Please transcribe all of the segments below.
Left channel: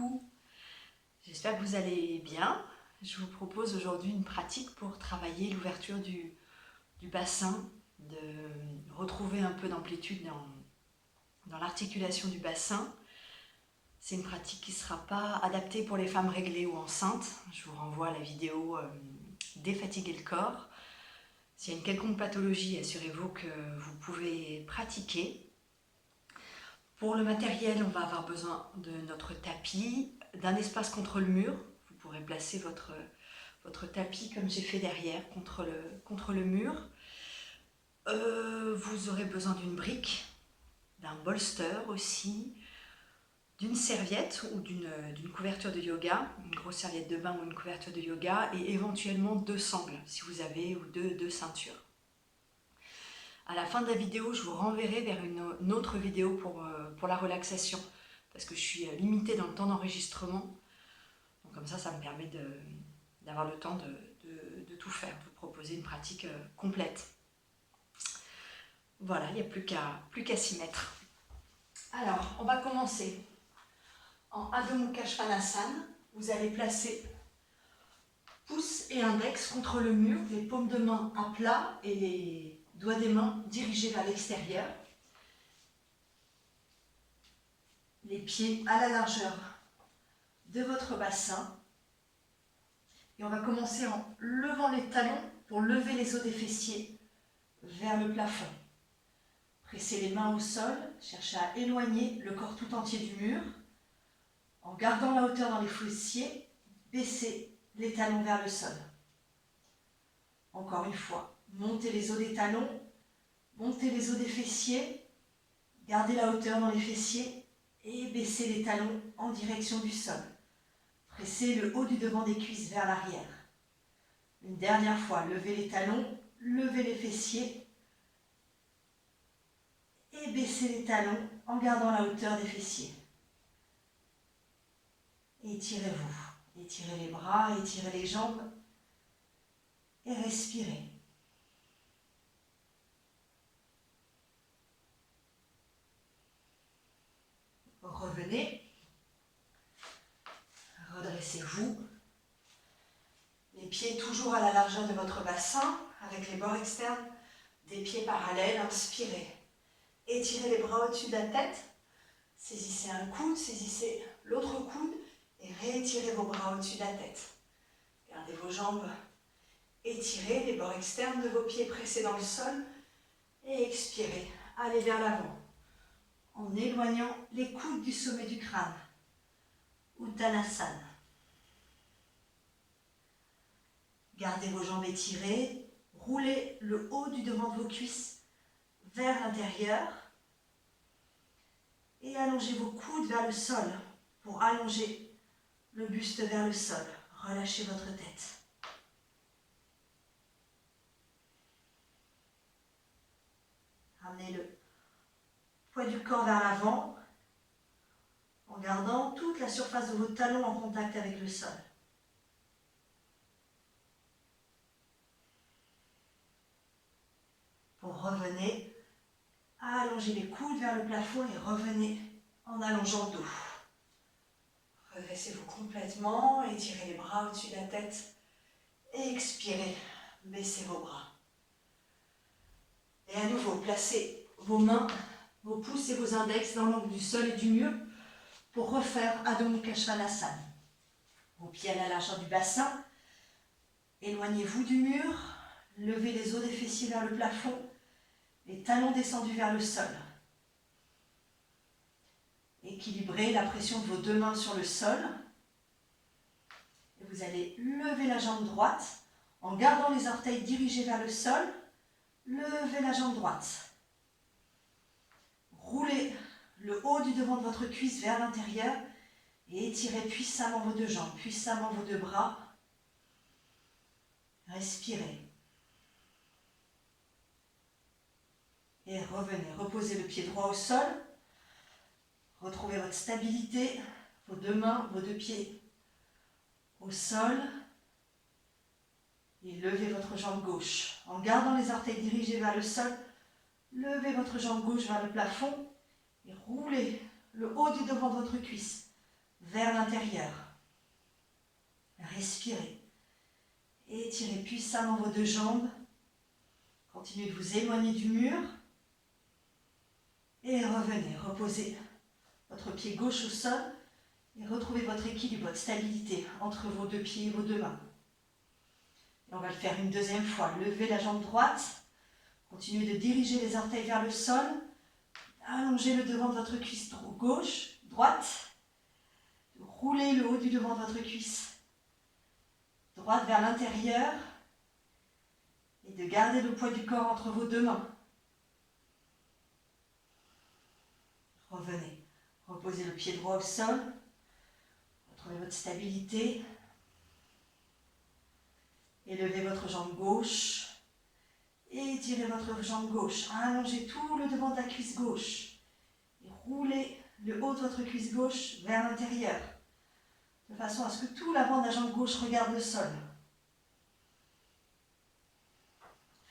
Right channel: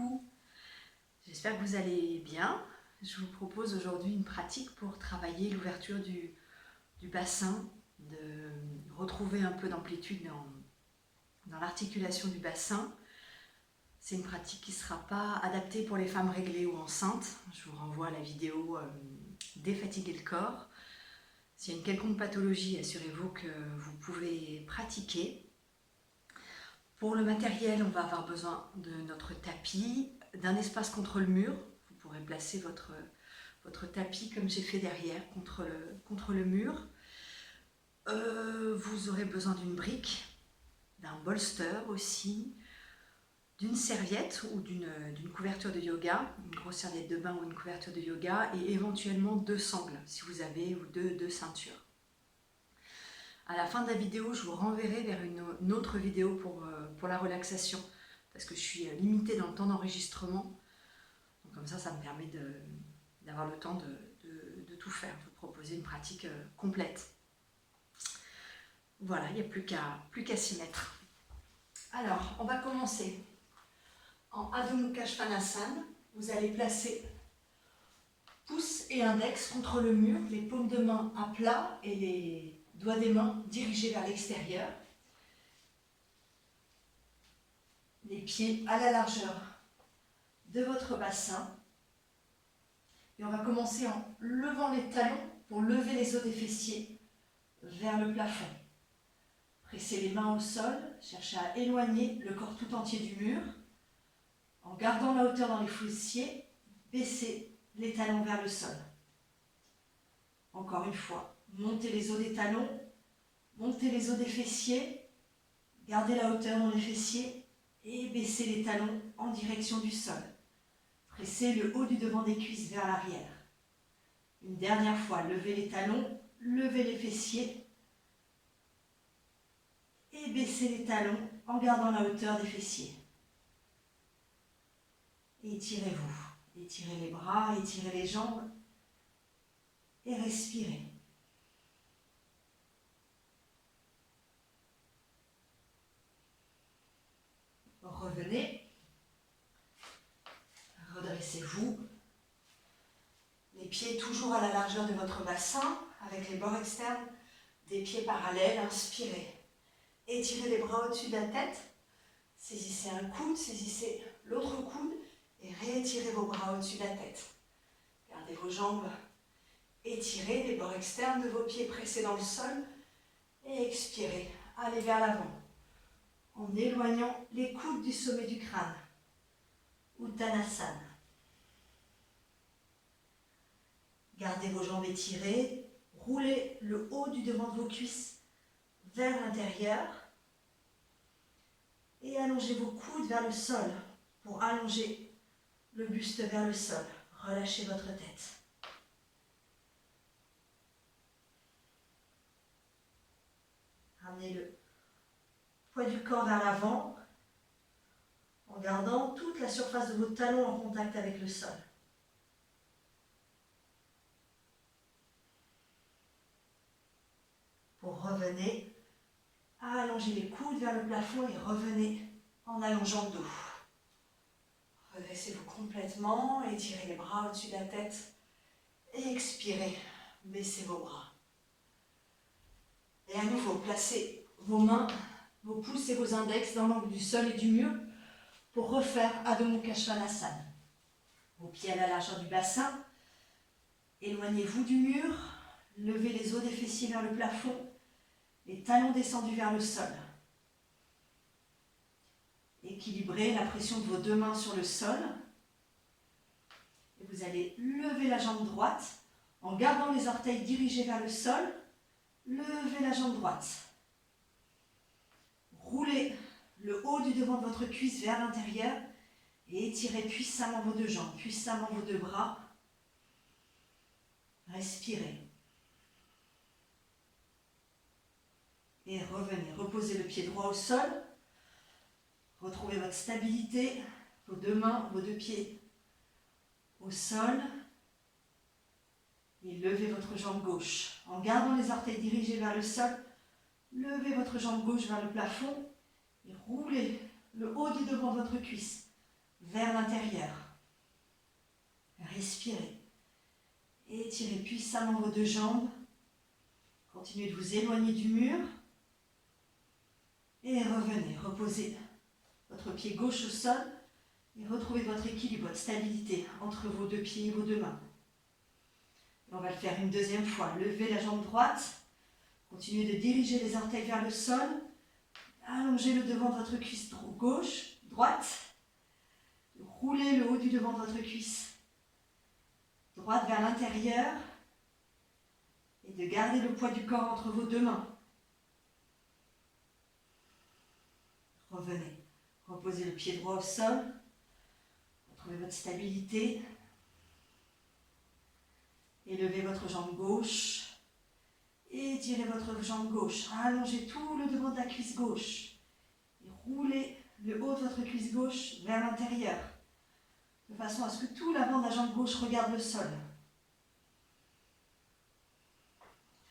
coucou, j'espère que vous allez bien. Je vous propose aujourd'hui une pratique pour travailler l'ouverture du bassin, de retrouver un peu d'amplitude dans l'articulation du bassin. C'est une pratique qui ne sera pas adaptée pour les femmes réglées ou enceintes. Je vous renvoie à la vidéo Défatiguer le corps. S'il y a une quelconque pathologie, assurez-vous que vous pouvez pratiquer. Pour le matériel, on va avoir besoin de notre tapis, d'un espace contre le mur. Vous pourrez placer votre tapis comme j'ai fait derrière contre le mur. Vous aurez besoin d'une brique, d'un bolster aussi, d'une serviette ou d'une couverture de yoga, une grosse serviette de bain ou une couverture de yoga, et éventuellement 2 sangles si vous avez, ou deux ceintures. À la fin de la vidéo, je vous renverrai vers une autre vidéo pour la relaxation, parce que je suis limitée dans le temps d'enregistrement. Donc comme ça me permet d'avoir le temps de tout faire, de vous proposer une pratique complète. Voilà, il n'y a plus qu'à s'y mettre. Alors, on va commencer en Adho Mukha Svanasana. Vous allez placer pouce et index contre le mur, les paumes de main à plat et les doigts des mains dirigés vers l'extérieur. Les pieds à la largeur de votre bassin. Et on va commencer en levant les talons pour lever les os des fessiers vers le plafond. Pressez les mains au sol, cherchez à éloigner le corps tout entier du mur. En gardant la hauteur dans les fessiers, baissez les talons vers le sol. Encore une fois, montez les os des talons, montez les os des fessiers, gardez la hauteur dans les fessiers et baissez les talons en direction du sol. Pressez le haut du devant des cuisses vers l'arrière. Une dernière fois, levez les talons, levez les fessiers et baissez les talons en gardant la hauteur des fessiers. Étirez-vous. Étirez les bras, étirez les jambes et respirez. Revenez. Redressez-vous. Les pieds toujours à la largeur de votre bassin, avec les bords externes des pieds parallèles. Inspirez. Étirez les bras au-dessus de la tête. Saisissez un coude, saisissez l'autre coude et réétirez vos bras au-dessus de la tête. Gardez vos jambes étirées, les bords externes de vos pieds pressés dans le sol. Et expirez. Allez vers l'avant en éloignant les coudes du sommet du crâne. Uttanasana. Gardez vos jambes étirées. Roulez le haut du devant de vos cuisses vers l'intérieur. Et allongez vos coudes vers le sol pour allonger le buste vers le sol. Relâchez votre tête. Ramenez le poids du corps vers l'avant en gardant toute la surface de vos talons en contact avec le sol. Revenez à allonger les coudes vers le plafond et revenez en allongeant le dos. Redressez-vous complètement, étirez les bras au-dessus de la tête et expirez, baissez vos bras. Et à nouveau, placez vos mains, vos pouces et vos index dans l'angle du sol et du mur pour refaire Adho Mukha Svanasana. Vos pieds à la largeur du bassin, éloignez-vous du mur, levez les os des fessiers vers le plafond, les talons descendus vers le sol. Équilibrez la pression de vos 2 mains sur le sol. Et vous allez lever la jambe droite en gardant les orteils dirigés vers le sol. Levez la jambe droite. Roulez le haut du devant de votre cuisse vers l'intérieur et étirez puissamment vos 2 jambes, puissamment vos 2 bras. Respirez. Et revenez, reposez le pied droit au sol. Retrouvez votre stabilité, vos 2 mains, vos 2 pieds au sol. Et levez votre jambe gauche. En gardant les orteils dirigés vers le sol, levez votre jambe gauche vers le plafond et roulez le haut du devant de votre cuisse vers l'intérieur. Respirez. Étirez puissamment vos deux jambes. Continuez de vous éloigner du mur. Et revenez, reposez votre pied gauche au sol et retrouvez votre équilibre, votre stabilité entre vos deux pieds et vos deux mains. Et on va le faire une deuxième fois. Levez la jambe droite. Continuez de diriger les orteils vers le sol. Allongez le devant de votre cuisse gauche, droite. Roulez le haut du devant de votre cuisse droite vers l'intérieur. Et de garder le poids du corps entre vos deux mains. Revenez. Reposez le pied droit au sol. Retrouvez votre stabilité. Élevez votre jambe gauche. Étirez votre jambe gauche. Allongez tout le devant de la cuisse gauche. Et roulez le haut de votre cuisse gauche vers l'intérieur. De façon à ce que tout l'avant de la jambe gauche regarde le sol.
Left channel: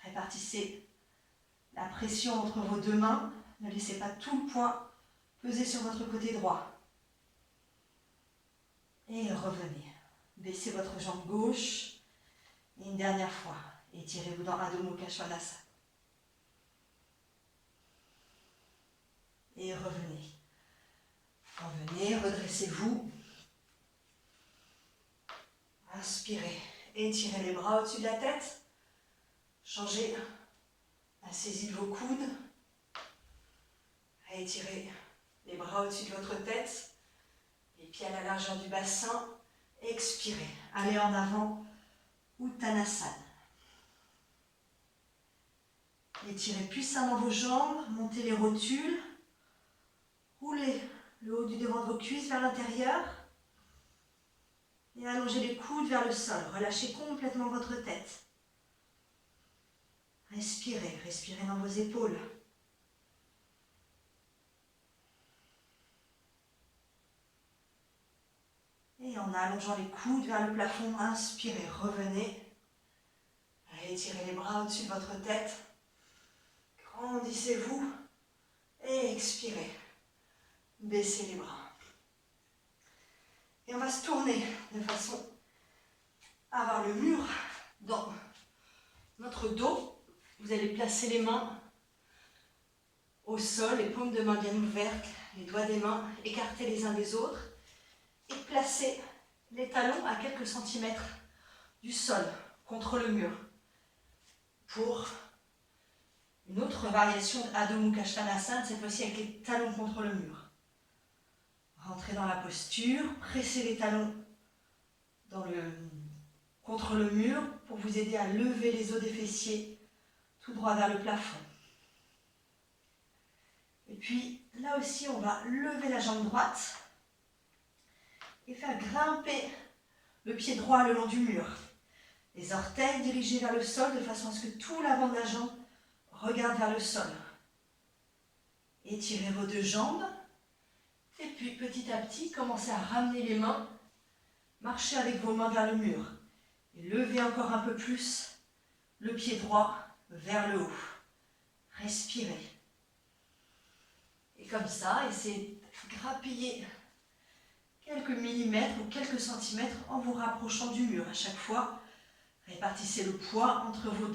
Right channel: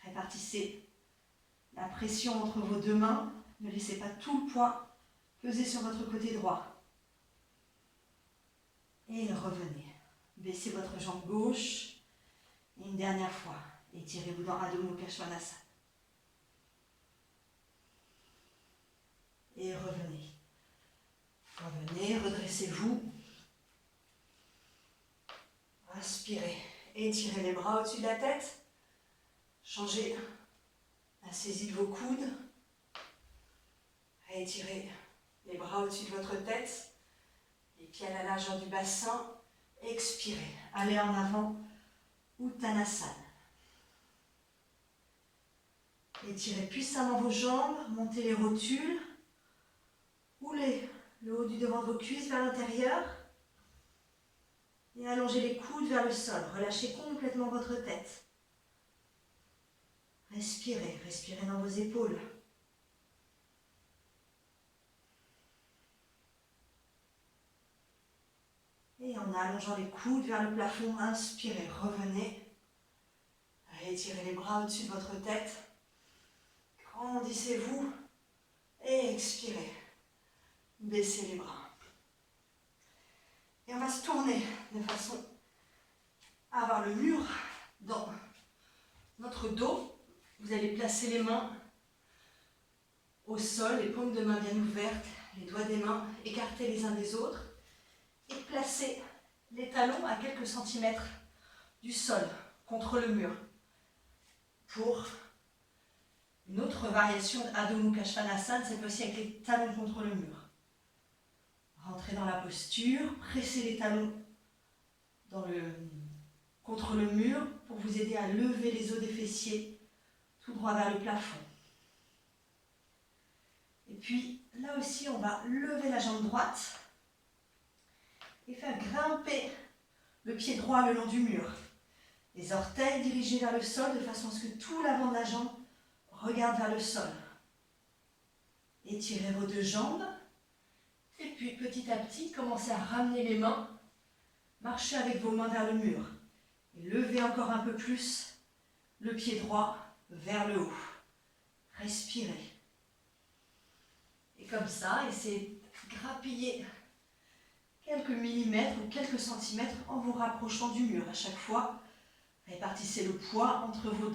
Répartissez la pression entre vos deux mains. Ne laissez pas tout le poids peser sur votre côté droit. Et revenez. Baissez votre jambe gauche. Et une dernière fois. Étirez-vous dans Adho Mukha Svanasana. Et revenez. Revenez, redressez-vous. Inspirez. Étirez les bras au-dessus de la tête. Changez la saisie de vos coudes. Étirez les bras au-dessus de votre tête. Les pieds à la largeur du bassin. Expirez. Allez en avant. Uttanasana. Étirez puissamment vos jambes. Montez les rotules. Roulez le haut du devant de vos cuisses vers l'intérieur. Et allongez les coudes vers le sol. Relâchez complètement votre tête. Respirez. Respirez dans vos épaules. Et en allongeant les coudes vers le plafond, inspirez, revenez. Étirez les bras au-dessus de votre tête. Grandissez-vous. Et expirez. Baissez les bras. Et on va se tourner de façon à avoir le mur dans notre dos. Vous allez placer les mains au sol, les paumes de main bien ouvertes, les doigts des mains écartés les uns des autres. Et placez les talons à quelques centimètres du sol, contre le mur. Pour une autre variation d'Adho Mukha Svanasana, cette fois-ci avec les talons contre le mur. Rentrez dans la posture, pressez les talons contre le mur pour vous aider à lever les os des fessiers tout droit vers le plafond. Et puis là aussi, on va lever la jambe droite et faire grimper le pied droit le long du mur. Les orteils dirigés vers le sol de façon à ce que tout l'avant de la jambe regarde vers le sol. Étirez vos deux jambes. Et puis petit à petit, commencez à ramener les mains. Marchez avec vos mains vers le mur. Et levez encore un peu plus le pied droit vers le haut. Respirez. Et comme ça, essayez de grappiller quelques millimètres ou quelques centimètres en vous rapprochant du mur. À chaque fois, répartissez le poids entre vos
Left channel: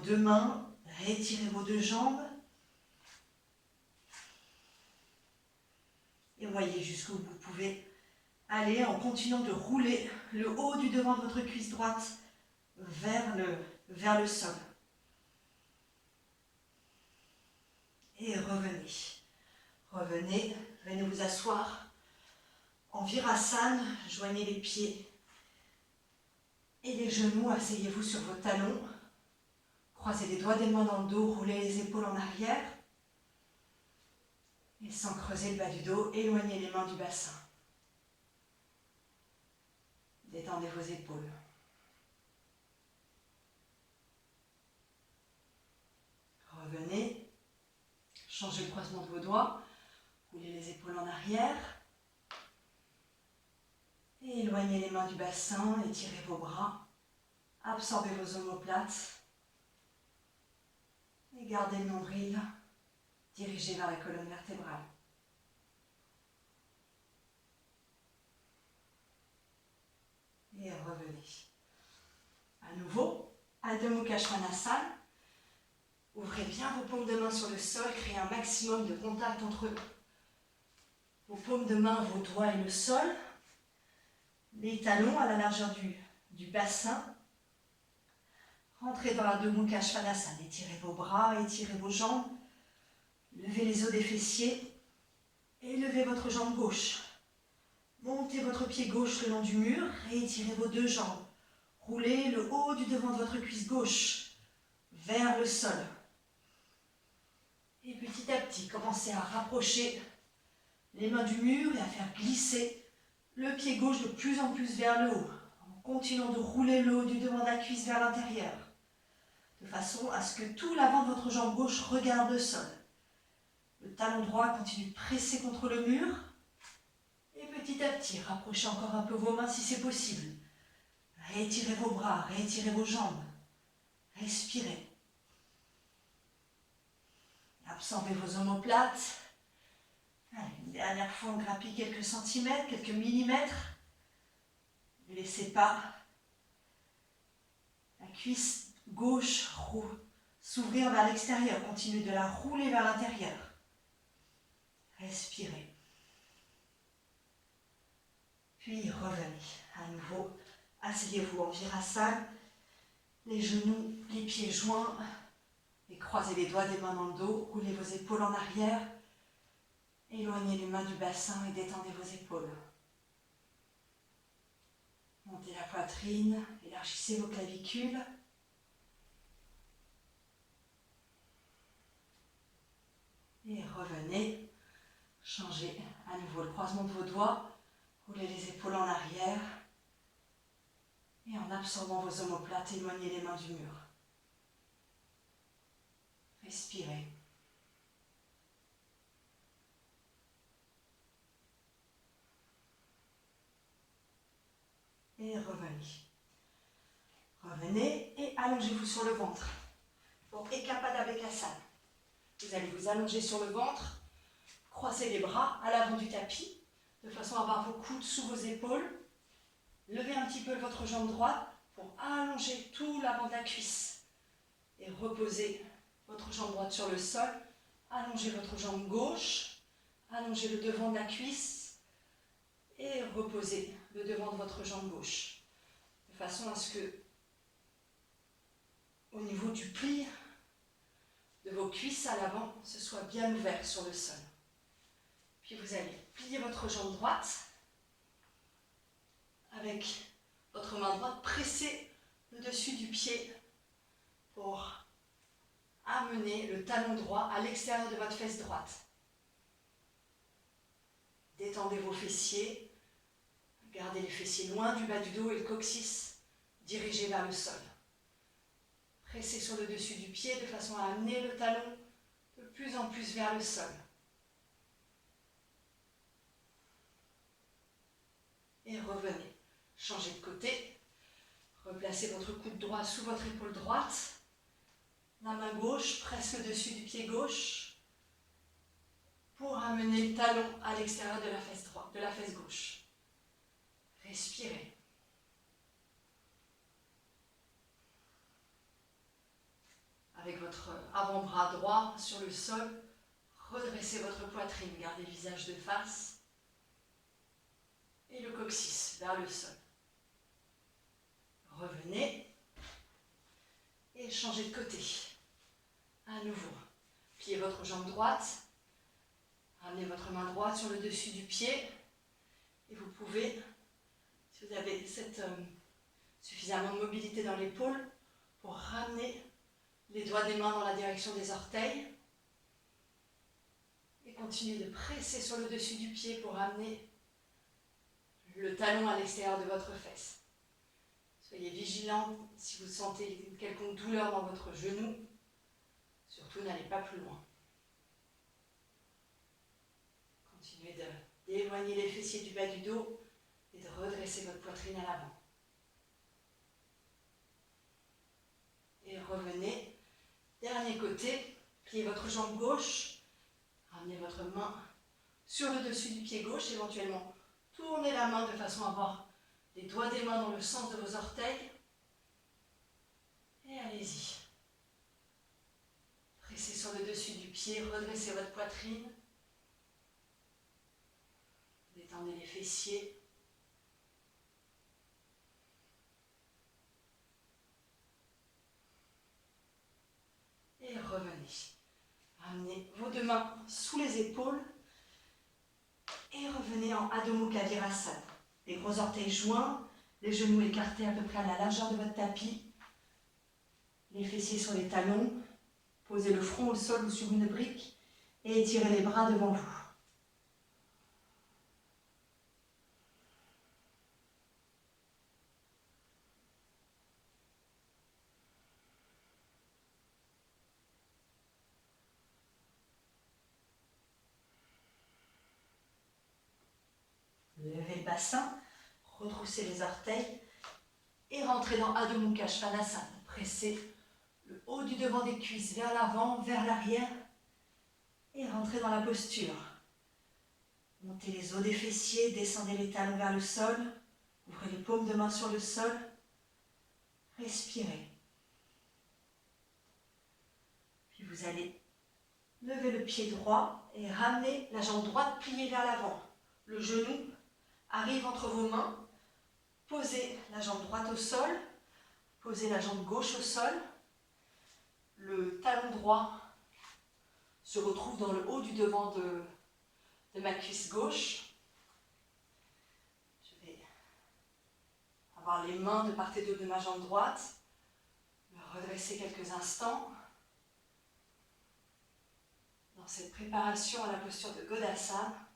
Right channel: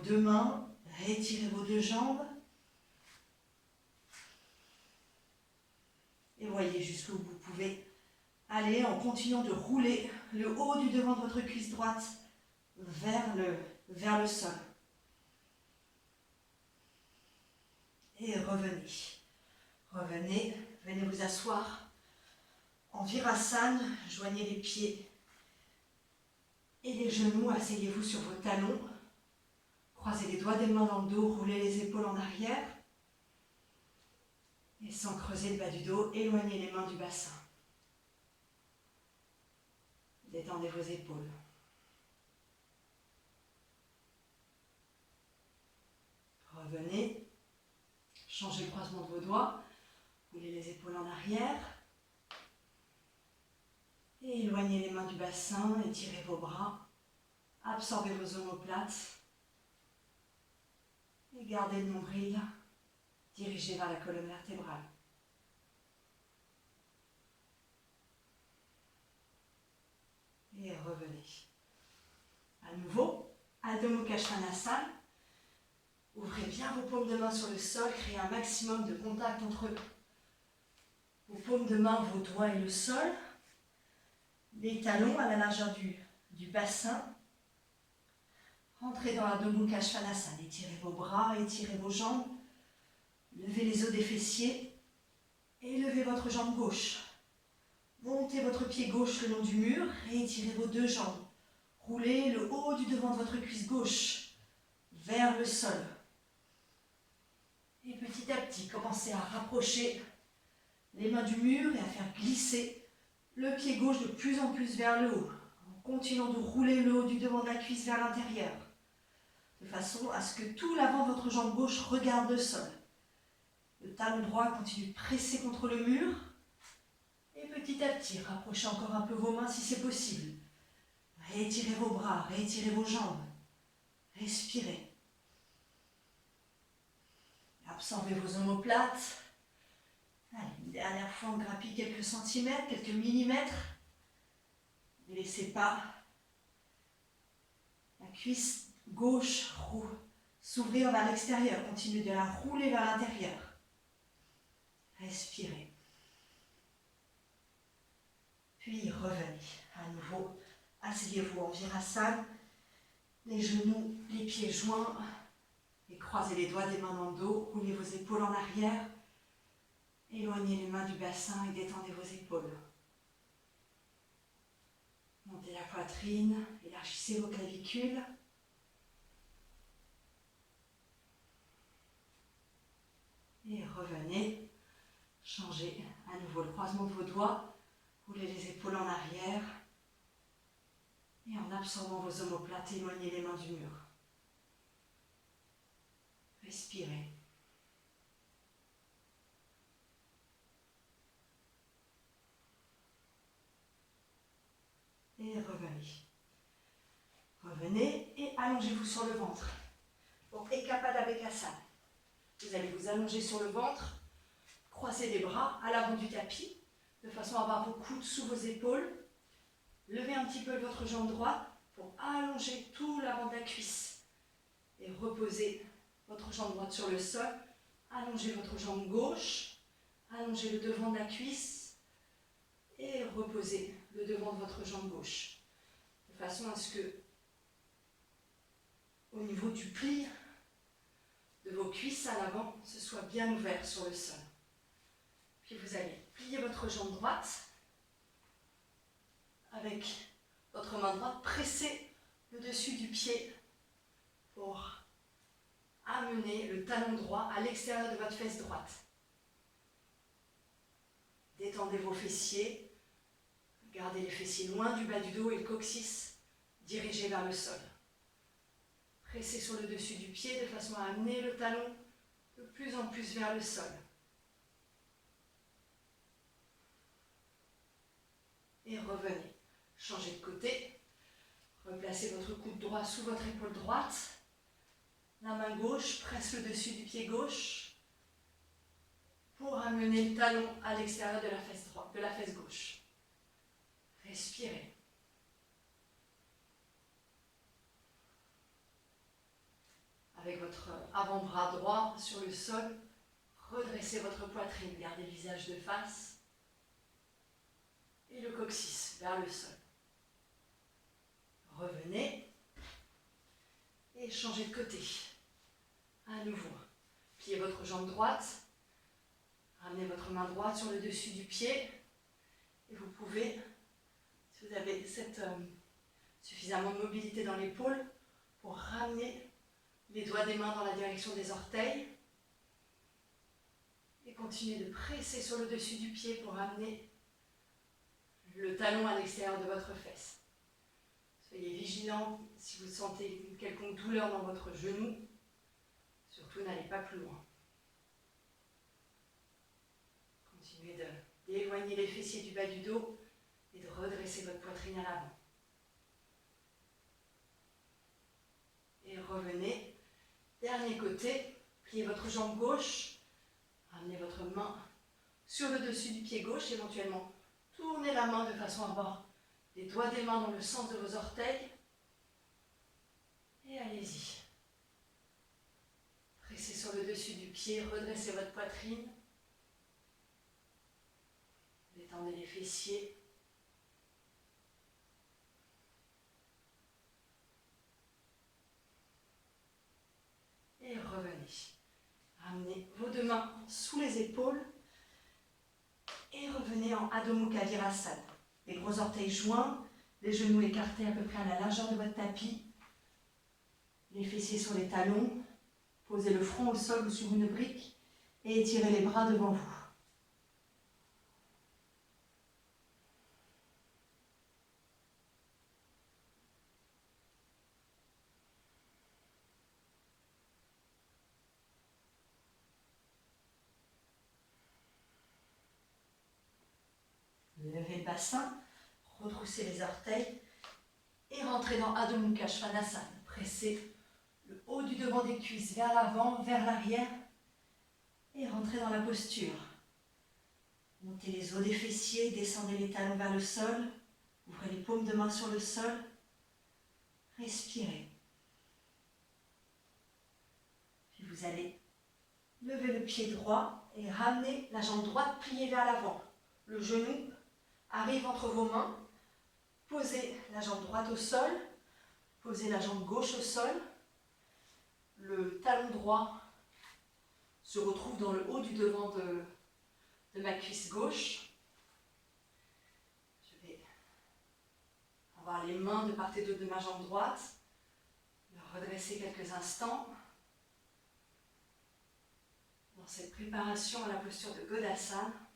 deux mains. Rétirez vos deux jambes. Et voyez jusqu'où vous pouvez aller en continuant de rouler le haut du devant de votre cuisse droite vers le sol. Et revenez. Revenez, venez vous asseoir en Virasana. Joignez les pieds et les genoux. Asseyez-vous sur vos talons. Croisez les doigts des mains dans le dos. Roulez les épaules en arrière. Et sans creuser le bas du dos, éloignez les mains du bassin. Détendez vos épaules. Revenez. Changez le croisement de vos doigts. Roulez les épaules en arrière. Et éloignez les mains du bassin. Étirez vos bras. Absorbez vos omoplates. Et gardez le nombril dirigé vers la colonne vertébrale. Mukha Svanasana. Ouvrez bien vos paumes de main sur le sol, créez un maximum de contact entre vos paumes de main, vos doigts et le sol. Les talons à la largeur du bassin. Rentrez dans la Mukha Svanasana. Étirez vos bras, étirez vos jambes. Levez les os des fessiers et levez votre jambe gauche. Montez votre pied gauche le long du mur et étirez vos deux jambes. Roulez le haut du devant de votre cuisse gauche vers le sol. Et petit à petit, commencez à rapprocher les mains du mur et à faire glisser le pied gauche de plus en plus vers le haut, en continuant de rouler le haut du devant de la cuisse vers l'intérieur, de façon à ce que tout l'avant de votre jambe gauche regarde le sol. Le talon droit continue de presser contre le mur. Et petit à petit, rapprochez encore un peu vos mains si c'est possible. Réétirez vos bras, réétirez vos jambes. Respirez. Absorbez vos omoplates. Allez, une dernière fois, on grappille quelques centimètres, quelques millimètres. Ne laissez pas la cuisse gauche s'ouvrir vers l'extérieur. Continuez de la rouler vers l'intérieur. Respirez. Puis revenez à nouveau. Asseyez-vous en virasana. Les genoux, les pieds joints. Et croisez les doigts des mains dans le dos. Roulez vos épaules en arrière. Éloignez les mains du bassin et détendez vos épaules. Montez la poitrine. Élargissez vos clavicules. Et revenez. Changez à nouveau le croisement de vos doigts. Roulez les épaules en arrière. Et en absorbant vos omoplates, éloignez les mains du mur. Respirez. Et revenez. Revenez et allongez-vous sur le ventre. Pour Ekapada Bekasana. Vous allez vous allonger sur le ventre, croiser les bras à l'avant du tapis, de façon à avoir vos coudes sous vos épaules. Levez un petit peu votre jambe droite pour allonger tout l'avant de la cuisse. Et reposez votre jambe droite sur le sol. Allongez votre jambe gauche. Allongez le devant de la cuisse. Et reposez le devant de votre jambe gauche. De façon à ce que, au niveau du pli de vos cuisses à l'avant, ce soit bien ouvert sur le sol. Puis vous allez plier votre jambe droite. Avec votre main droite, pressez le dessus du pied pour amener le talon droit à l'extérieur de votre fesse droite. Détendez vos fessiers, gardez les fessiers loin du bas du dos et le coccyx dirigé vers le sol. Pressez sur le dessus du pied de façon à amener le talon de plus en plus vers le sol. Et revenez. Changez de côté, replacez votre coude droit sous votre épaule droite, la main gauche presse le dessus du pied gauche pour amener le talon à l'extérieur de la fesse droite, de la fesse gauche. Respirez. Avec votre avant-bras droit sur le sol, redressez votre poitrine, gardez le visage de face et le coccyx vers le sol. Revenez et changez de côté. À nouveau, pliez votre jambe droite, ramenez votre main droite sur le dessus du pied et vous pouvez, si vous avez suffisamment de mobilité dans l'épaule, pour ramener les doigts des mains dans la direction des orteils et continuez de presser sur le dessus du pied pour ramener le talon à l'extérieur de votre fesse. Soyez vigilant si vous sentez une quelconque douleur dans votre genou. Surtout, n'allez pas plus loin. Continuez d'éloigner les fessiers du bas du dos et de redresser votre poitrine à l'avant. Et revenez. Dernier côté, pliez votre jambe gauche. Ramenez votre main sur le dessus du pied gauche, éventuellement. Tournez la main de façon à avoir les doigts des mains dans le sens de vos orteils. Et allez-y. Pressez sur le dessus du pied, redressez votre poitrine. Détendez les fessiers. Et revenez. Ramenez vos deux mains sous les épaules. Et revenez en Adho Mukha Virasana. Les gros orteils joints, les genoux écartés à peu près à la largeur de votre tapis. Les fessiers sur les talons. Posez le front au sol ou sur une brique. Et étirez les bras devant vous. Levez le bassin, retroussez les orteils et rentrez dans Adho Mukha Svanasana. Pressez le haut du devant des cuisses vers l'avant, vers l'arrière et rentrez dans la posture. Montez les os des fessiers, descendez les talons vers le sol, ouvrez les paumes de main sur le sol, respirez. Puis vous allez lever le pied droit et ramener la jambe droite pliée vers l'avant. Le genou arrive entre vos mains, posez la jambe droite au sol, posez la jambe gauche au sol, le talon droit se retrouve dans le haut du devant de ma cuisse gauche. Je vais avoir les mains de part et d'autre de ma jambe droite, me redresser quelques instants. Dans cette préparation à la posture de Godasana.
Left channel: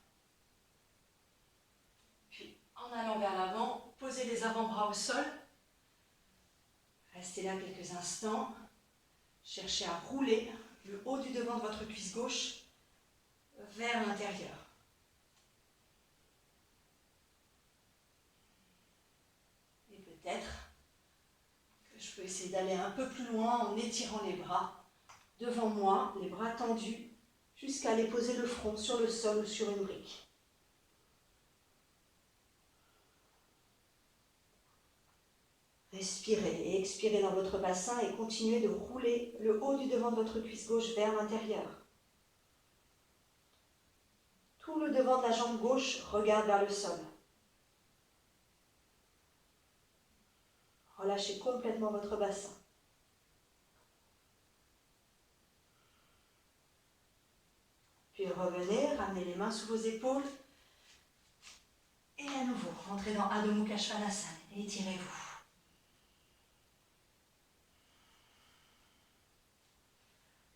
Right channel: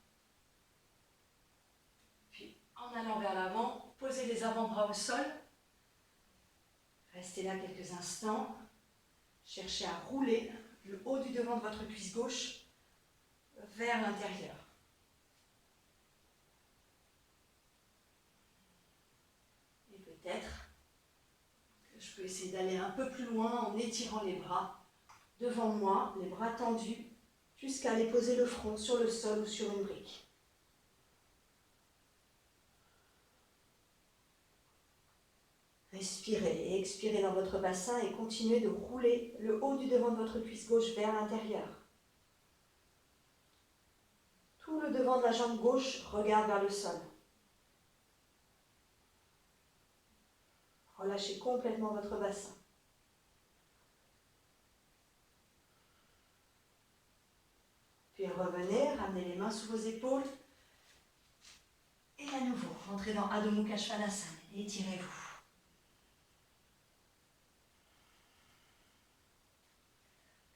Puis en allant vers l'avant, posez les avant-bras au sol. Restez là quelques instants. Cherchez à rouler le haut du devant de votre cuisse gauche vers l'intérieur. Et peut-être que je peux essayer d'aller un peu plus loin en étirant les bras devant moi, les bras tendus, jusqu'à aller poser le front sur le sol ou sur une brique. Respirez et expirez dans votre bassin et continuez de rouler le haut du devant de votre cuisse gauche vers l'intérieur. Tout le devant de la jambe gauche regarde vers le sol. Relâchez complètement votre bassin. Puis revenez, ramenez les mains sous vos épaules. Et à nouveau, rentrez dans Adho Mukha Svanasana et étirez-vous.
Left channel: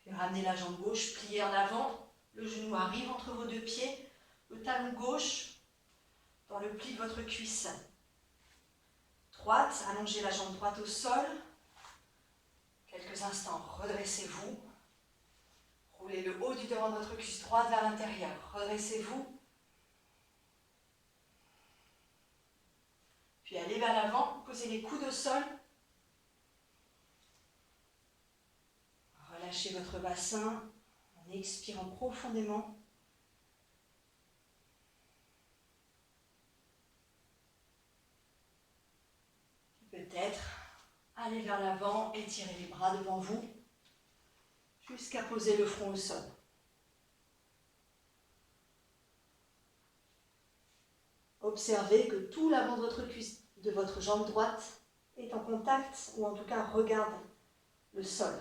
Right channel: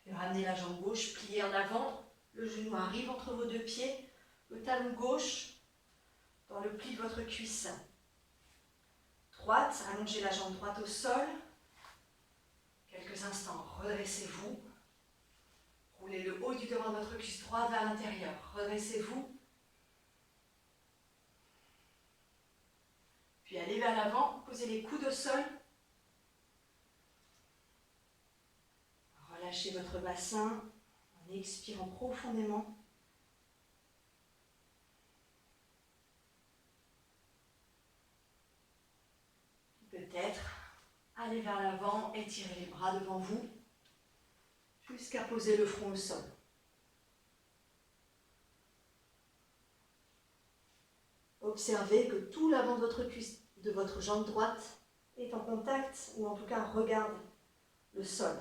Puis ramenez la jambe gauche pliée en avant. Le genou arrive entre vos deux pieds. Le talon gauche dans le pli de votre cuisse droite. Allongez la jambe droite au sol. Quelques instants, redressez-vous. Roulez le haut du devant de votre cuisse droite vers l'intérieur. Redressez-vous. Puis allez vers l'avant, posez les coudes au sol. Relâchez votre bassin en expirant profondément. Peut-être allez vers l'avant, étirez les bras devant vous jusqu'à poser le front au sol. Observez que tout l'avant de votre cuisse, de votre jambe droite est en contact ou en tout cas regarde le sol.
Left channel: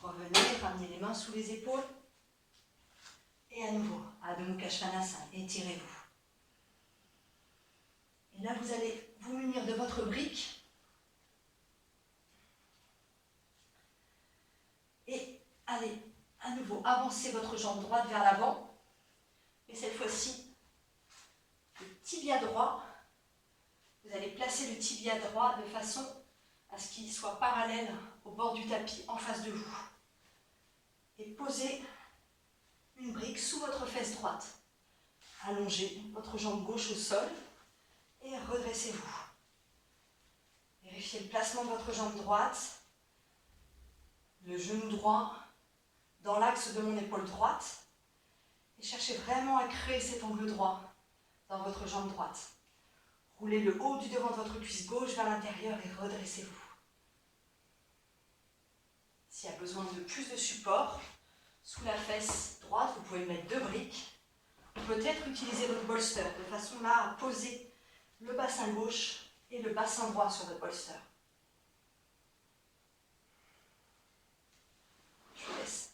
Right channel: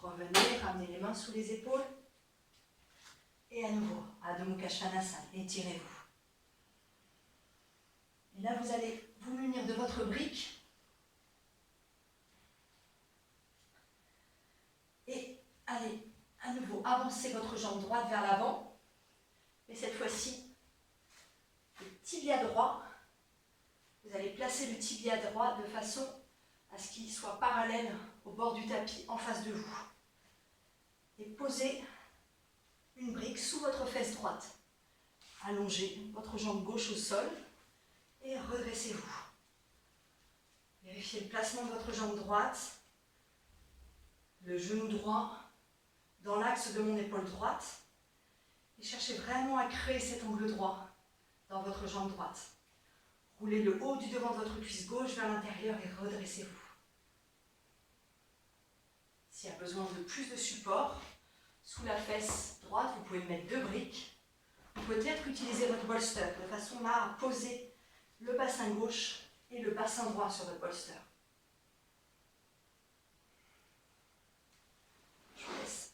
Revenez, ramenez les mains sous les épaules. Et à nouveau, Adho Mukha Svanasana, étirez-vous. Et là, vous allez vous munir de votre brique. Et allez, à nouveau, avancez votre jambe droite vers l'avant. Et cette fois-ci, le tibia droit, vous allez placer le tibia droit de façon à ce qu'il soit parallèle au bord du tapis en face de vous. Et posez une brique sous votre fesse droite. Allongez votre jambe gauche au sol et redressez-vous. Vérifiez le placement de votre jambe droite, le genou droit dans l'axe de mon épaule droite Et cherchez vraiment à créer cet angle droit dans votre jambe droite. Roulez le haut du devant de votre cuisse gauche vers l'intérieur et redressez-vous. S'il y a besoin de plus de support, sous la fesse droite, vous pouvez mettre 2 briques. Ou peut-être utiliser votre bolster de façon là à poser le bassin gauche et le bassin droit sur votre bolster. Je vous laisse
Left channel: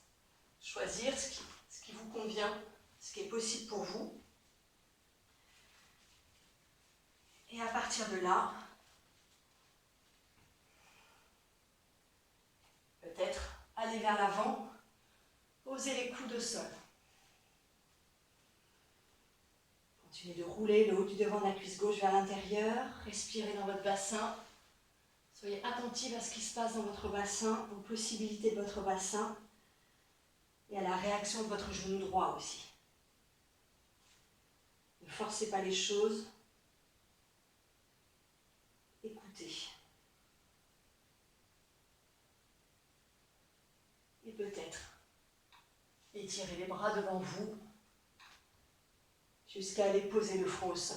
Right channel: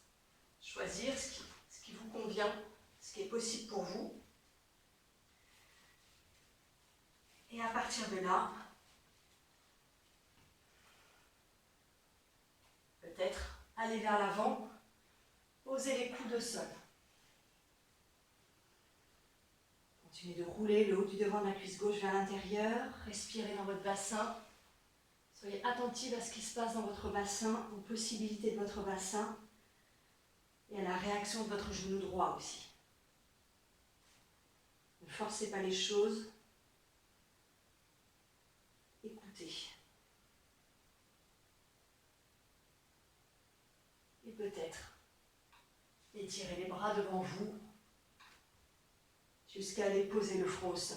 choisir ce qui vous convient, ce qui est possible pour vous. Et à partir de là, peut-être aller vers l'avant, poser les coudes au sol. Continuez de rouler le haut du devant de la cuisse gauche vers l'intérieur. Respirez dans votre bassin. Soyez attentifs à ce qui se passe dans votre bassin, aux possibilités de votre bassin et à la réaction de votre genou droit aussi. Ne forcez pas les choses. Écoutez. Et peut-être étirez les bras devant vous jusqu'à aller poser le front au sol.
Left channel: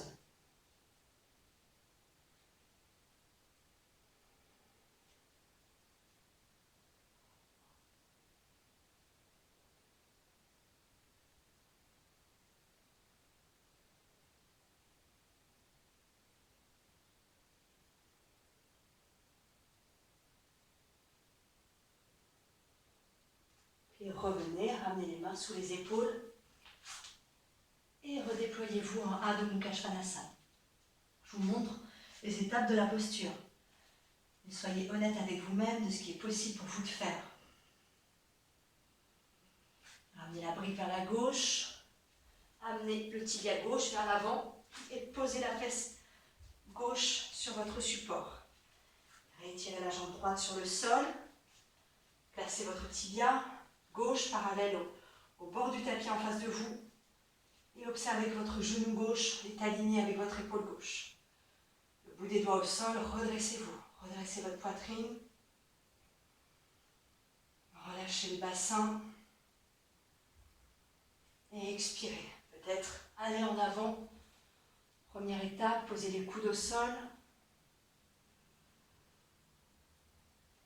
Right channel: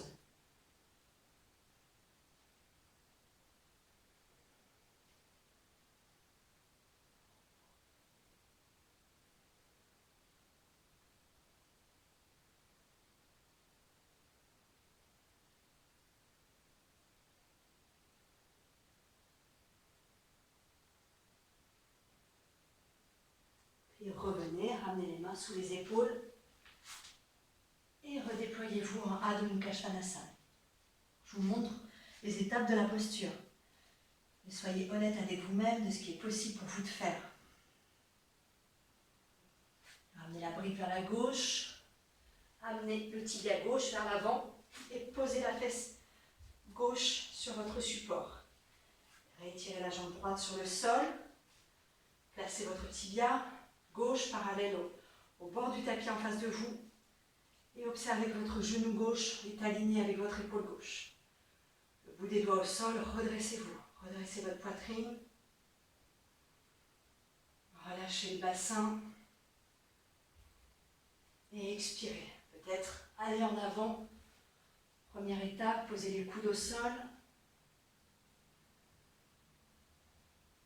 Puis revenez, ramenez les mains sous les épaules et redéployez-vous en Adho Mukha Svanasana. Je vous montre les étapes de la posture. Et soyez honnête avec vous-même de ce qui est possible pour vous de faire. Ramenez la brique vers la gauche, amenez le tibia gauche vers l'avant et posez la fesse gauche sur votre support. Rétirez la jambe droite sur le sol, placez votre tibia gauche parallèle au bord du tapis en face de vous et observez que votre genou gauche est aligné avec votre épaule gauche. Le bout des doigts au sol, redressez-vous, redressez votre poitrine, relâchez le bassin et expirez. Peut-être allez en avant. Première étape, posez les coudes au sol.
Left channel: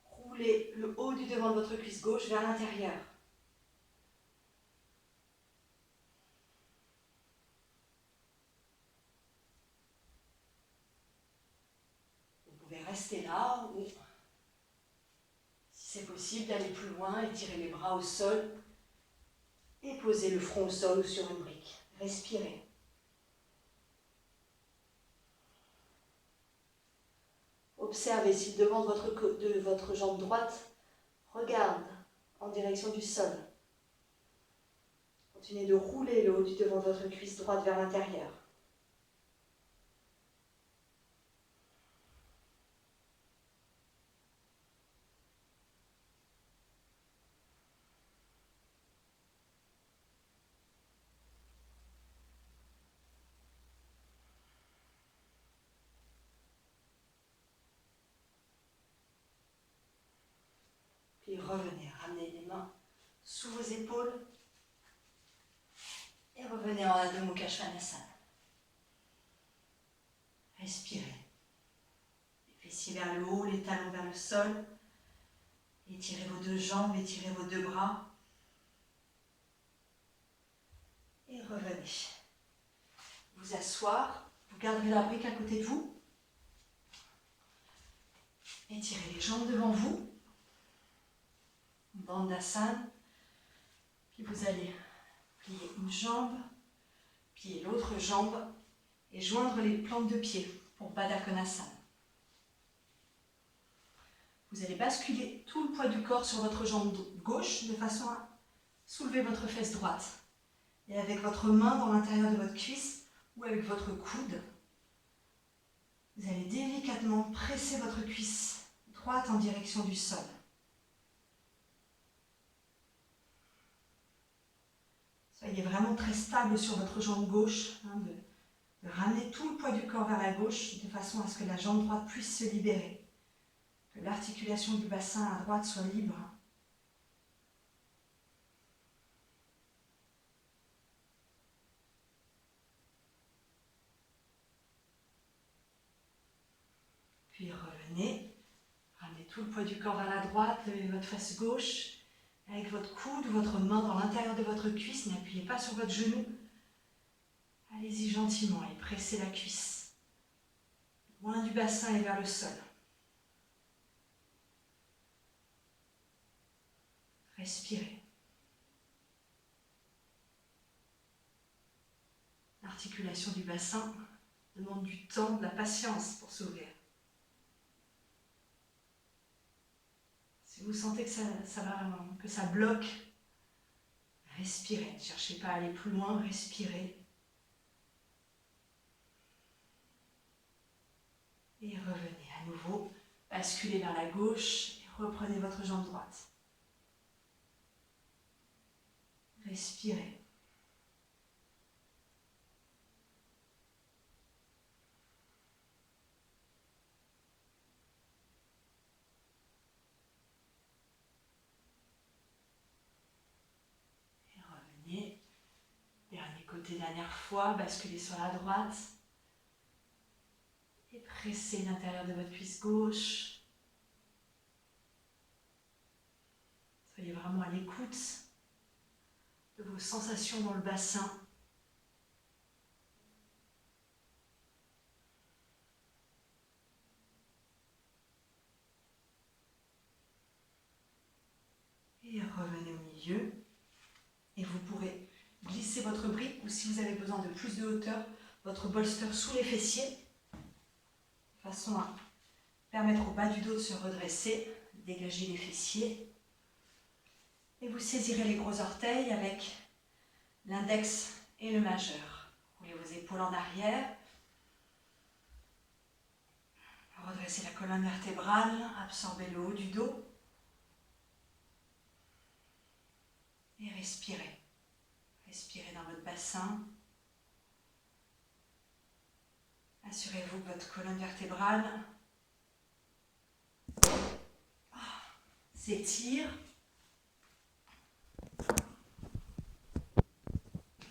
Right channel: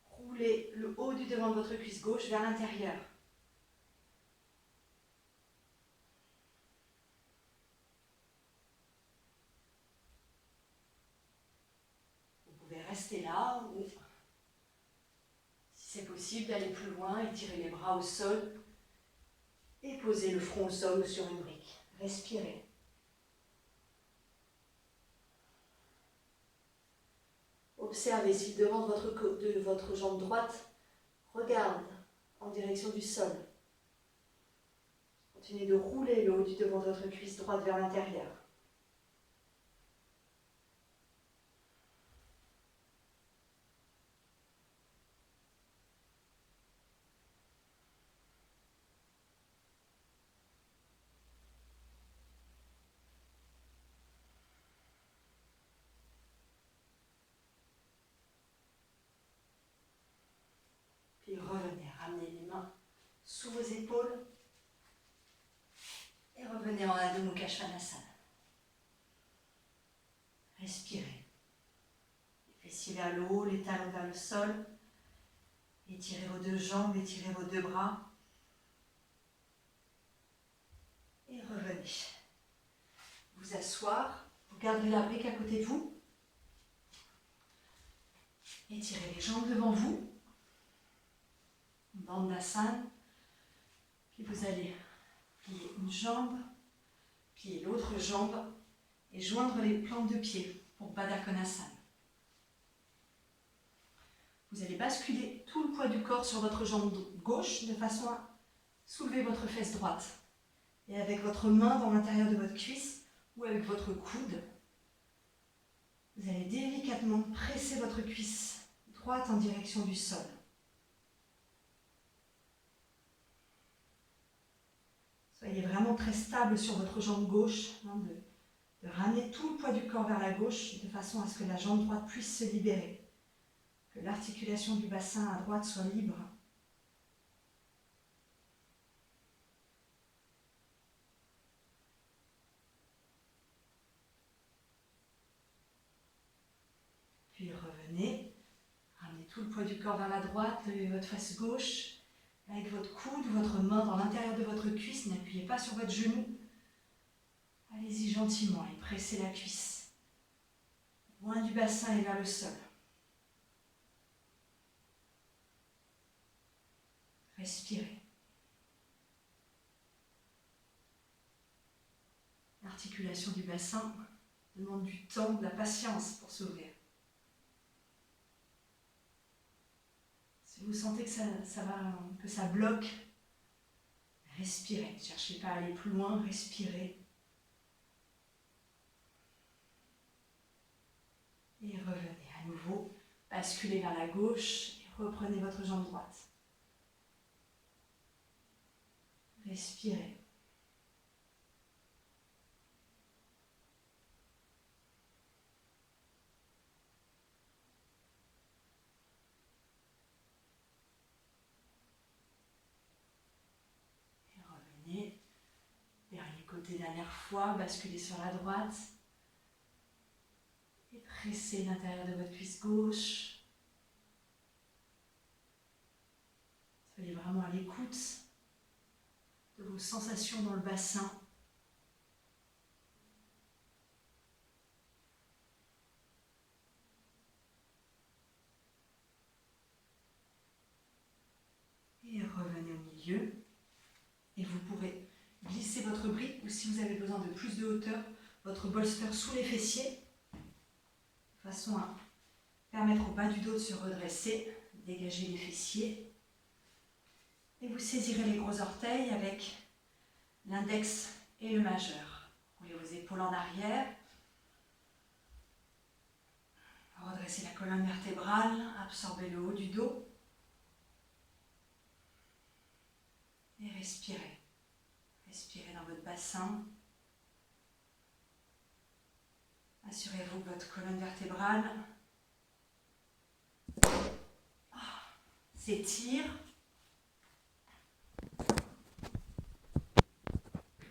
Roulez le haut du devant de votre cuisse gauche vers l'intérieur. Vous pouvez rester là ou, si c'est possible, d'aller plus loin, étirer les bras au sol et poser le front au sol ou sur une brique. Respirez. Observez si le devant de votre jambe droite regarde en direction du sol. Continuez de rouler le haut du devant de votre cuisse droite vers l'intérieur. Puis revenez, ramenez les mains sous vos épaules et revenez en Adho Mukha Svanasana. Respirez. Les fessiers vers le haut, les talons vers le sol. Étirez vos 2 jambes, étirez vos 2 bras. Et revenez. Vous asseoir. Vous garderez la brique à côté de vous. Étirez les jambes devant vous. Dandasana. Puis vous allez plier une jambe, plier l'autre jambe et joindre les plantes de pied pour Baddha Konasana. Vous allez basculer tout le poids du corps sur votre jambe gauche de façon à soulever votre fesse droite. Et avec votre main dans l'intérieur de votre cuisse ou avec votre coude, vous allez délicatement presser votre cuisse droite en direction du sol. Soyez vraiment très stable sur votre jambe gauche, de ramener tout le poids du corps vers la gauche de façon à ce que la jambe droite puisse se libérer, que l'articulation du bassin à droite soit libre. tout le poids du corps vers la droite, levez votre face gauche. Avec votre coude ou votre main dans l'intérieur de votre cuisse, n'appuyez pas sur votre genou. Allez-y gentiment et pressez la cuisse. Loin du bassin et vers le sol. Respirez. L'articulation du bassin demande du temps, de la patience pour s'ouvrir. Si vous sentez que ça bloque, respirez. Ne cherchez pas à aller plus loin, respirez. Et revenez à nouveau, basculez vers la gauche et reprenez votre jambe droite. Respirez. Et revenez. Dernier côté, dernière fois, basculez sur la droite. Et pressez l'intérieur de votre cuisse gauche. Soyez vraiment à l'écoute de vos sensations dans le bassin. Et revenez au milieu. Et vous pourrez glisser votre brique ou si vous avez besoin de plus de hauteur, votre bolster sous les fessiers. De façon à permettre au bas du dos de se redresser, dégager les fessiers. Et vous saisirez les gros orteils avec l'index et le majeur. Roulez vos épaules en arrière. Redressez la colonne vertébrale, absorbez le haut du dos. Et respirez. Respirez dans votre bassin. Assurez-vous que votre colonne vertébrale s'étire.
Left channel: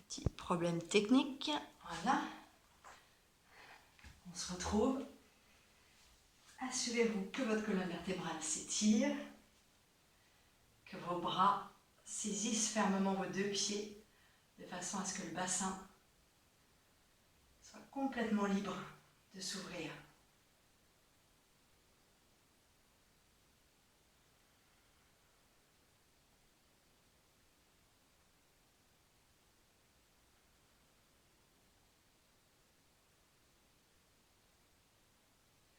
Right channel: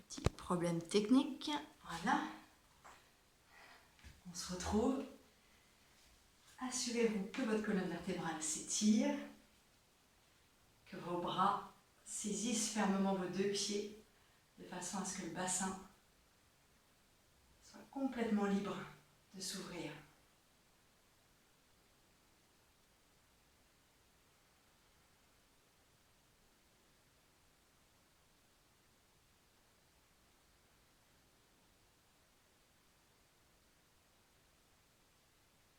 Petit problème technique. Voilà. On se retrouve. Assurez-vous que votre colonne vertébrale s'étire, que vos bras saisissent fermement vos deux pieds de façon à ce que le bassin soit complètement libre de s'ouvrir.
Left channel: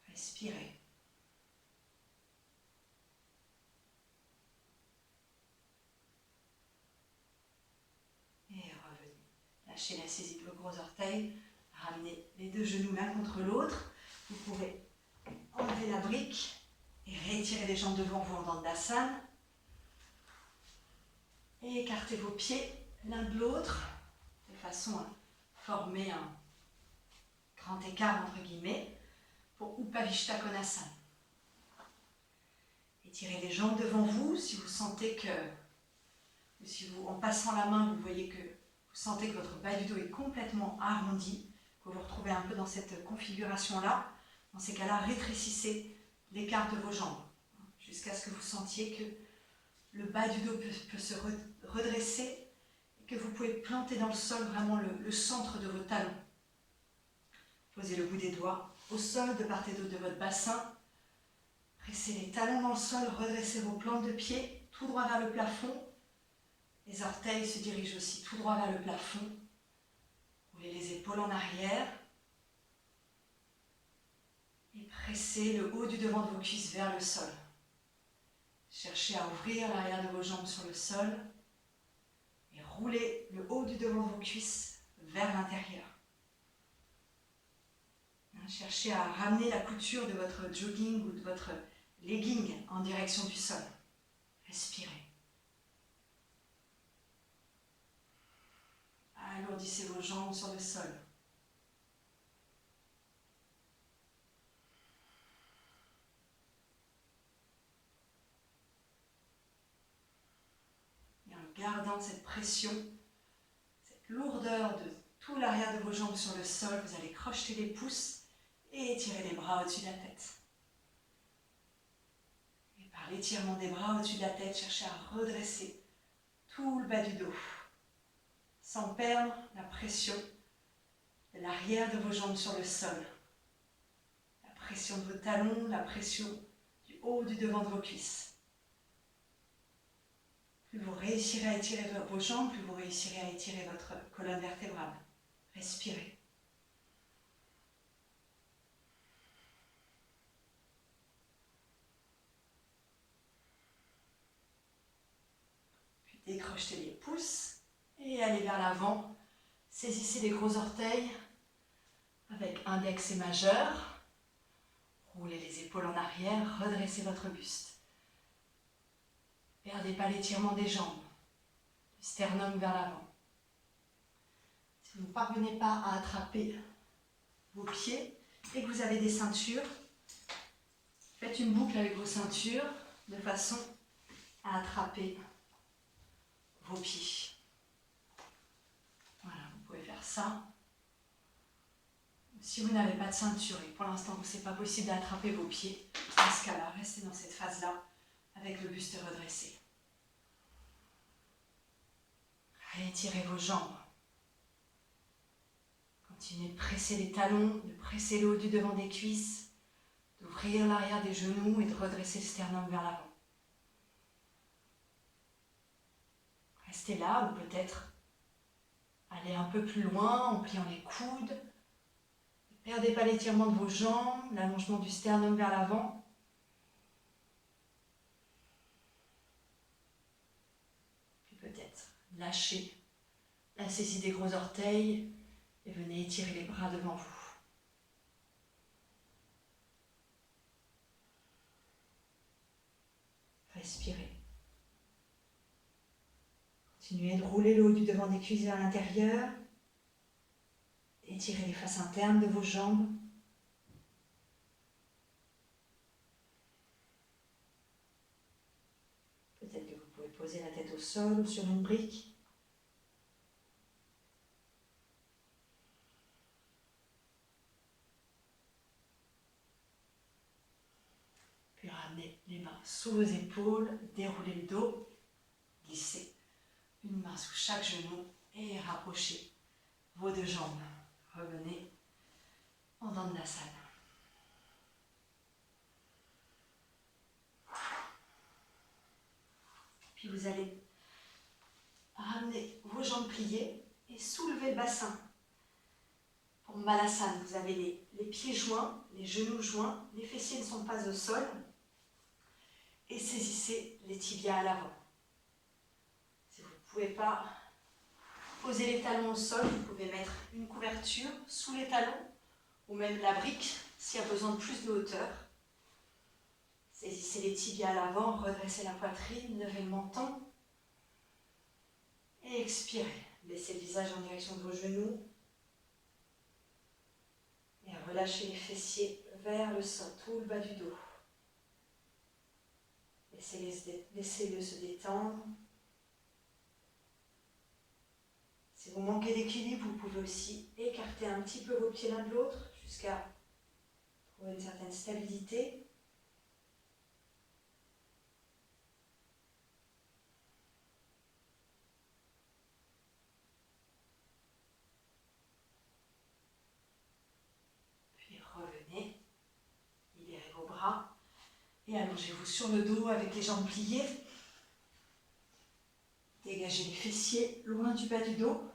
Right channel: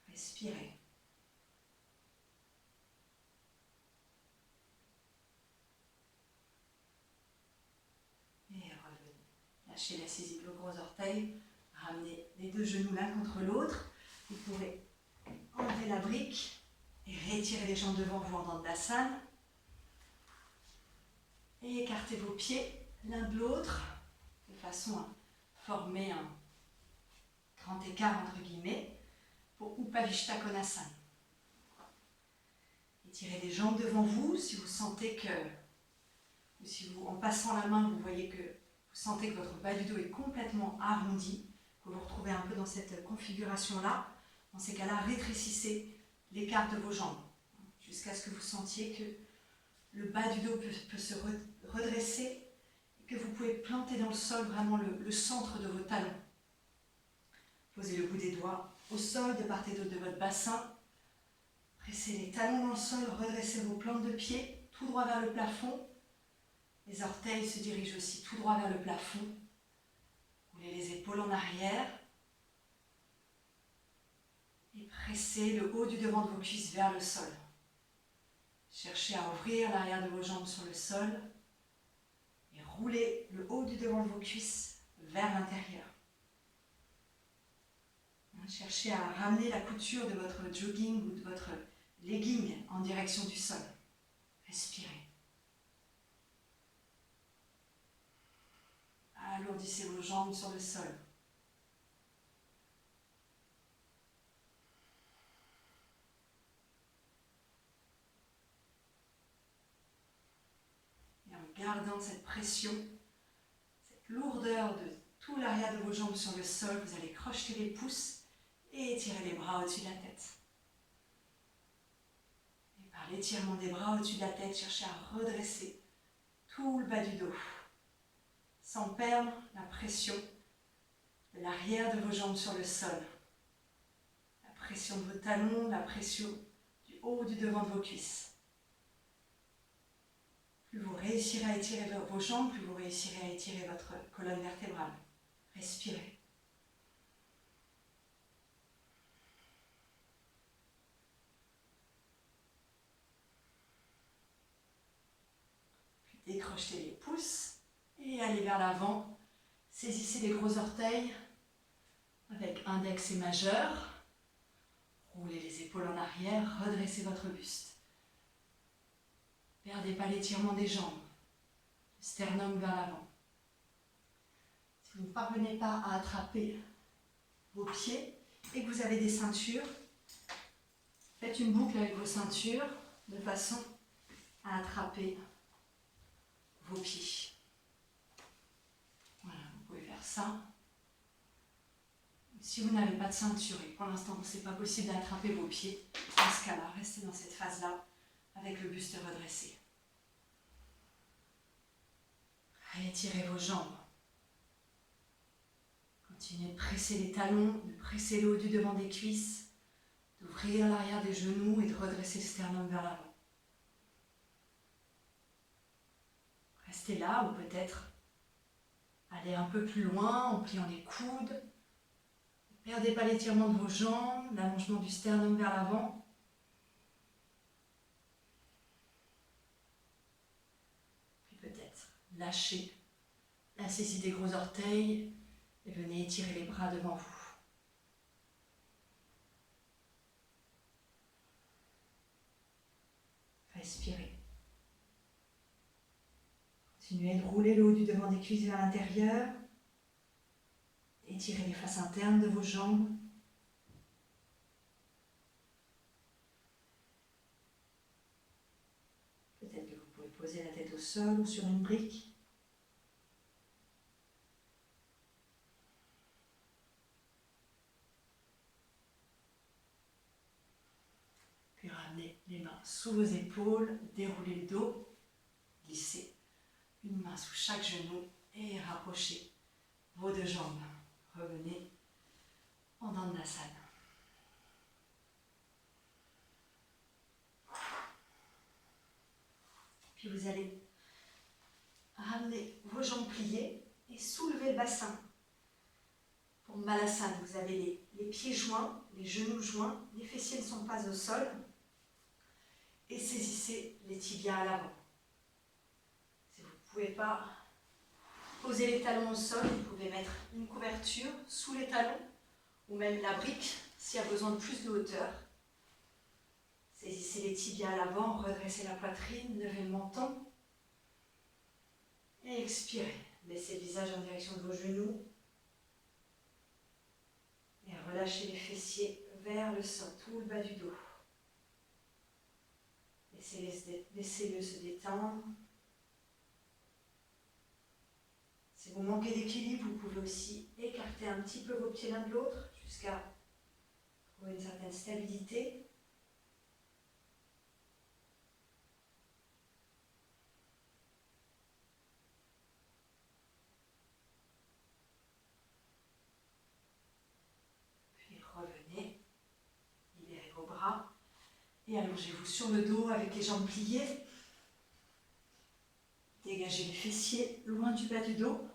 Respirez. Et revenez. Lâchez la saisie de vos gros orteils. Ramenez les deux genoux l'un contre l'autre. Vous pourrez enlever la brique et retirer les jambes devant vous en Dandasana. Et écartez vos pieds l'un de l'autre de façon à former un grand écart entre guillemets pour Upavishta Konasana. Étirez les jambes devant vous si vous sentez que, ou si vous, en passant la main, vous voyez que vous sentez que votre bas du dos est complètement arrondi, que vous vous retrouvez un peu dans cette configuration-là. Dans ces cas-là, rétrécissez l'écart de vos jambes jusqu'à ce que vous sentiez que le bas du dos peut se redresser et que vous pouvez planter dans le sol vraiment le centre de vos talons. Posez le bout des doigts au sol de part et d'autre de votre bassin. Pressez les talons dans le sol, redressez vos plantes de pied tout droit vers le plafond. Les orteils se dirigent aussi tout droit vers le plafond. Roulez les épaules en arrière. Et pressez le haut du devant de vos cuisses vers le sol. Cherchez à ouvrir l'arrière de vos jambes sur le sol. Et roulez le haut du devant de vos cuisses vers l'intérieur. Cherchez à ramener la couture de votre jogging ou de votre legging en direction du sol. Respirez. Alourdissez vos jambes sur le sol. Et en gardant cette pression, cette lourdeur de tout l'arrière de vos jambes sur le sol, vous allez crocheter les pouces et étirer les bras au-dessus de la tête. l'étirement des bras au-dessus de la tête, cherchez à redresser tout le bas du dos, sans perdre la pression de l'arrière de vos jambes sur le sol. La pression de vos talons, la pression du haut du devant de vos cuisses. Plus vous réussirez à étirer vos jambes, plus vous réussirez à étirer votre colonne vertébrale. Respirez. Puis décrochez les pouces et allez vers l'avant. Saisissez les gros orteils avec index et majeur. Roulez les épaules en arrière, redressez votre buste. Perdez pas l'étirement des jambes, le sternum vers l'avant. Si vous ne parvenez pas à attraper vos pieds et que vous avez des ceintures, faites une boucle avec vos ceintures de façon à attraper vos pieds. Voilà, vous pouvez faire ça. Si vous n'avez pas de ceinture et pour l'instant ce n'est pas possible d'attraper vos pieds, dans ce cas-là, restez dans cette phase-là avec le buste redressé. Réétirez vos jambes. Continuez de presser les talons, de presser le haut du devant des cuisses, d'ouvrir l'arrière des genoux et de redresser le sternum vers l'avant. Restez là ou peut-être allez un peu plus loin en pliant les coudes. Ne perdez pas l'étirement de vos jambes, l'allongement du sternum vers l'avant. Puis peut-être lâchez la saisie des gros orteils et venez étirer les bras devant vous. Respirez. Continuez de rouler le haut du devant des cuisses vers l'intérieur. Étirez les faces internes de vos jambes. Peut-être que vous pouvez poser la tête au sol ou sur une brique. Puis ramenez les mains sous vos épaules, déroulez le dos, glissez une main sous chaque genou et rapprochez vos deux jambes. Revenez en Dandasana. Puis vous allez ramener vos jambes pliées et soulever le bassin. Pour Malasana, vous avez les pieds joints, les genoux joints, les fessiers ne sont pas au sol. Et saisissez les tibias à l'avant. Si vous ne pouvez pas poser les talons au sol, vous pouvez mettre une couverture sous les talons ou même la brique s'il y a besoin de plus de hauteur. Saisissez les tibias à l'avant, redressez la poitrine, levez le menton et expirez. Laissez le visage en direction de vos genoux et relâchez les fessiers vers le sol, tout le bas du dos. Laissez-le se détendre. Si vous manquez d'équilibre, vous pouvez aussi écarter un petit peu vos pieds l'un de l'autre jusqu'à trouver une certaine stabilité. Puis revenez, libérez vos bras et allongez-vous sur le dos avec les jambes pliées. Dégagez les fessiers loin du bas du dos.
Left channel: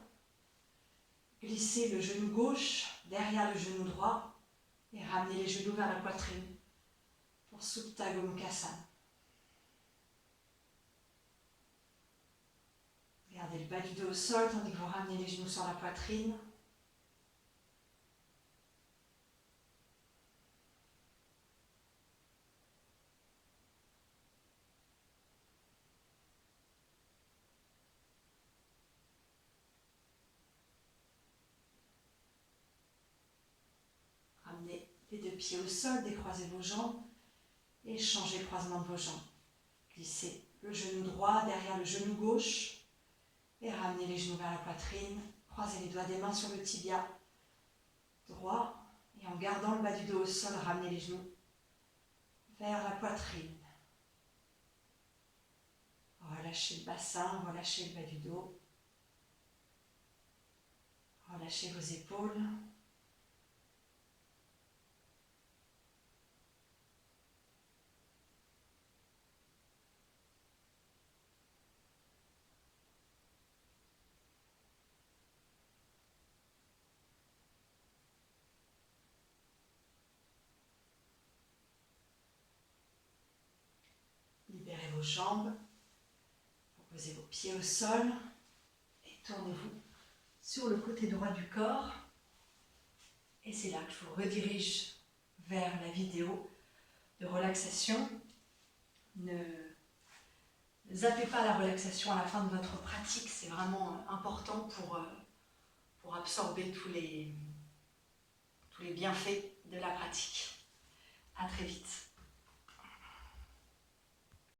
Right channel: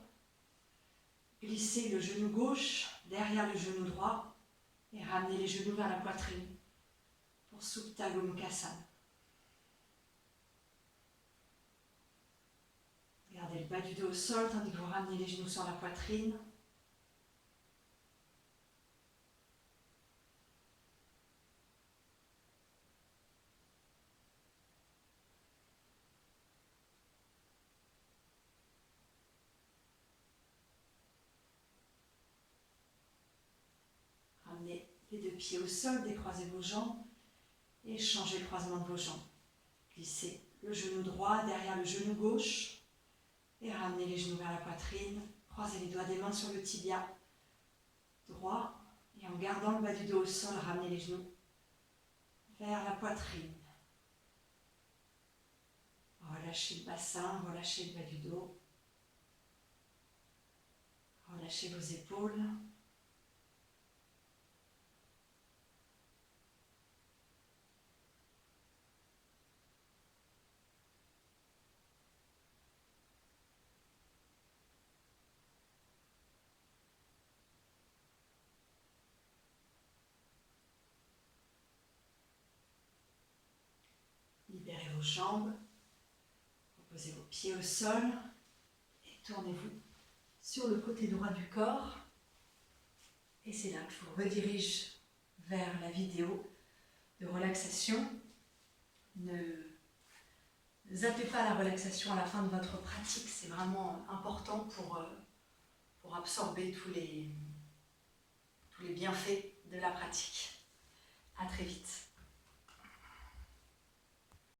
Glissez le genou gauche derrière le genou droit et ramenez les genoux vers la poitrine pour Supta Gomukhasana. Gardez le bas du dos au sol tandis que vous ramenez les genoux sur la poitrine. Ramenez les deux pieds au sol, décroisez vos jambes et changez le croisement de vos jambes. Glissez le genou droit derrière le genou gauche et ramenez les genoux vers la poitrine. Croisez les doigts des mains sur le tibia droit et en gardant le bas du dos au sol, ramenez les genoux vers la poitrine. relâchez le bassin, relâchez le bas du dos. Relâchez vos épaules. Libérez vos jambes. Posez vos pieds au sol et tournez-vous sur le côté droit du corps. Et c'est là que je vous redirige vers la vidéo de relaxation. Ne zappez pas la relaxation à la fin de votre pratique, c'est vraiment important pour absorber tous les bienfaits de la pratique. À très vite.